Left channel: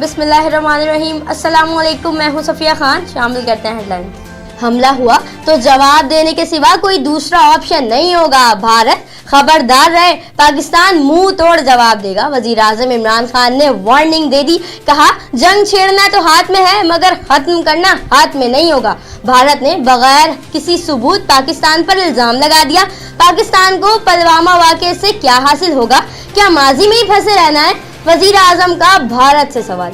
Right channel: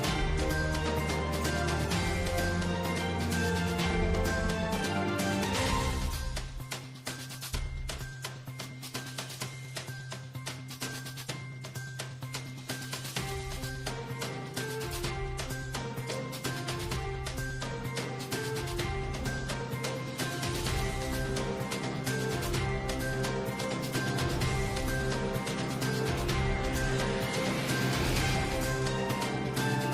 बिस्मिल्लाहिर्रहमानिर्रहीम। अस्सलामुअलैकुम, मैं हूं सफिया खान। शामिल करते हैं हेडलाइन। हमला हुआ तो जवाब देने के सिवा कोई दूसरा ऑप्शन नहीं होगा। भारत खबरदार रहे, पाकिस्तान मुंह तोड़ जवाब देगा। वजीर आजम इमरान खान ने वार्निंग दे दी। कहा, जंग छेड़ना तो हाथ में है मगर खत्म करना हाथ में नहीं होगा। भारत ने बगैर किसी सबूत पाकिस्तान पर इल्जाम लगा दिया। पाकिस्तान को पुलवामा वाक़े से क्या हासिल होगा? क्या माजी में ही फंसे रहना है? वजीर आजम का भारत से सवाल।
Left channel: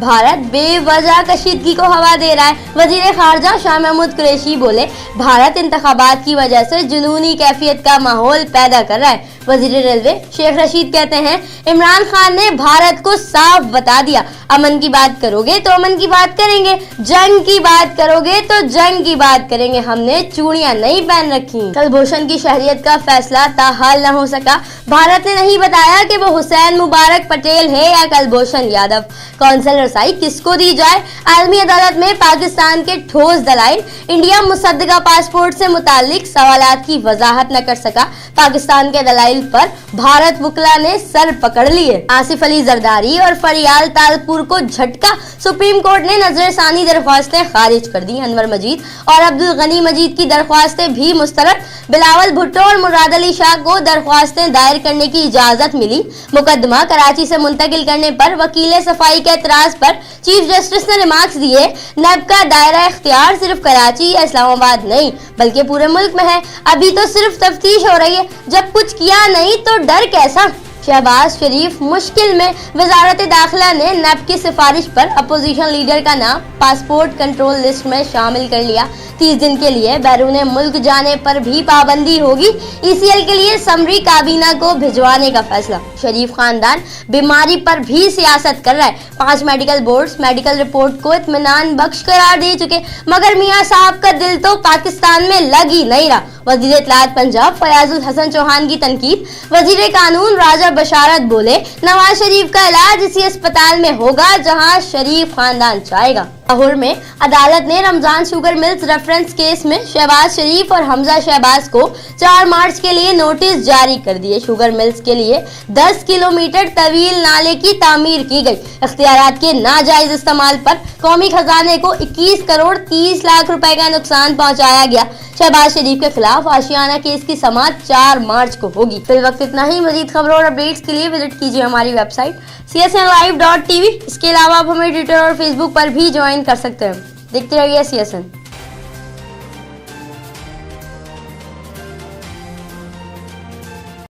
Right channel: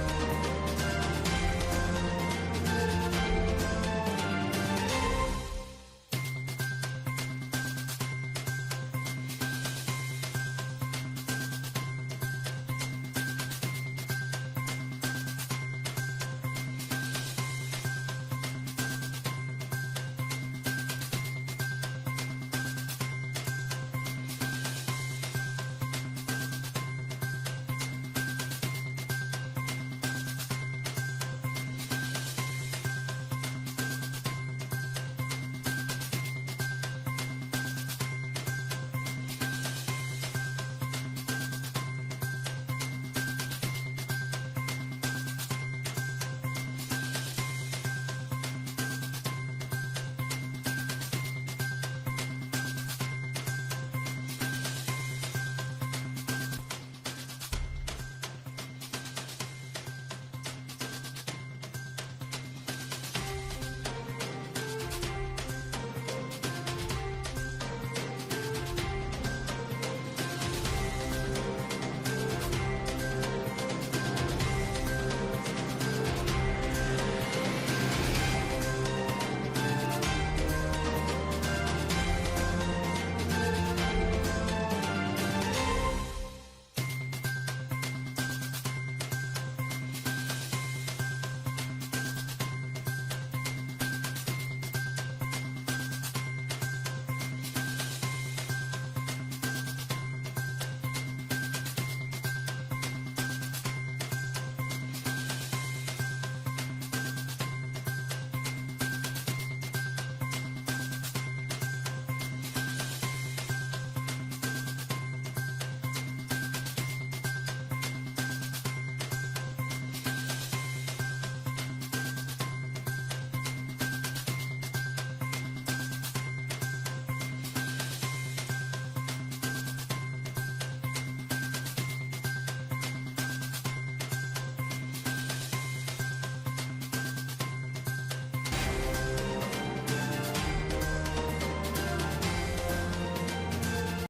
भारत बेवजह कशीदगी को हवा दे रहा है। वजीर खारजा शाह महमूद कुरैशी बोले, भारत इंतखाबात की वजह से जुनूनी कैफियत का माहौल पैदा कर रहा है। वजीर रेलवे शेख रशीद कहते हैं, इमरान खान ने भारत को साफ बता दिया, अमन की बात करोगे तो अमन की बात करेंगे, जंग की बात करोगे तो जंग की बात करेंगे। हमने चूड़ियां नहीं पहन रखी। कुलभूषण की शहरियत का फैसला ताहाल न हो सका। भारत ने नहीं बताया कि वो हुसैन मुबारक पटेल है या कुलभूषण यादव। कौंसल रसाई किसको दी जाए? आलमी अदालत में पाकिस्तान के ठोस दलाइल। इंडिया मुसद्दका पासपोर्ट से मुतालिक सवालात की वजाहत न कर सका। पाकिस्तान के दलाइल पर भारत वकला ने सर पकड़ लिए। आसिफ अली जरदारी और फरियाल तालपुर को झटका। सुप्रीम कोर्ट ने नजरसानी दरख्वास्तें खारिज कर दी। अनवर मजीद और अब्दुल गनी मजीद की दरख्वास्तें भी मुस्तरद। बिलावल भुट्टो और मुराद अली शाह को दरख्वास्तें दायर करने की इजाजत मिली। मुकदमा कराची से मुंतकिल करने पर वकील सफाई के एतराज पर चीफ जस्टिस ने रिमार्क्स दिए। नैब का दायरा इख्तियार सिर्फ कराची या इस्लामाबाद नहीं बल्कि पूरे मुल्क में है। अभी तो सिर्फ तफ्तीश हो रही है, जब कुछ किया नहीं तो डर कैसा? शहबाज शरीफ मुश्किल में। वजारत दाखिला ने नैब की सिफारिश पर अपोजिशन लीडर का नाम पासपोर्ट कंट्रोल लिस्ट में शामिल कर लिया। 30 दिन के लिए बैरून मुल्क जाने पर भी पाबंदी होगी। ECL के लिए समरी काबीना को भिजवाने का फैसला। शरीफ खानदान बीमारी पर भी सियासत कर रहा है। 5 मेडिकल बोर्ड्स मेडिकल रिपोर्ट को इत्मीनान बख्श करार दे चुके, मगर मियां साहब का दिल तो पाकिस्तान में लग ही नहीं रहा। वजीर इत्तलात पंजाब फयाजुल हसन चौहान की तनकीद। वजीर कानून राजा बशारत बोले, नवाज शरीफ का इलाज इसी अस्पताल में होगा जहां शरीफ खानदान चाहेगा। लाहौर में अदालत ने Ramzan sugar mills reference case में शहबाज शरीफ और हमजा शहबाज को 4 मार्च के लिए नोटिस जारी कर दिए। शुगर मिल्स के लिए 10 किलोमीटर तवील नाले की तामीर की गई। इख्तियारात के नाजायज इस्तेमाल पर कौमी खजाने को 21 करोड़ 30 लाख रुपए का नुकसान पहुंचाया गया। शहबाज शरीफ के खिलाफ आशियाना केस की समाअत 4 मार्च को होगी। फिल वक्त इतना ही। मजीद खबरों और अपडेट्स के लिए विजिट कीजिए हमारी वेबसाइट csnlive.tv। इसके अलावा आप हमें ट्विटर और फेसबुक पर भी ज्वाइन कर सकते हैं। देखते रहिए CSN।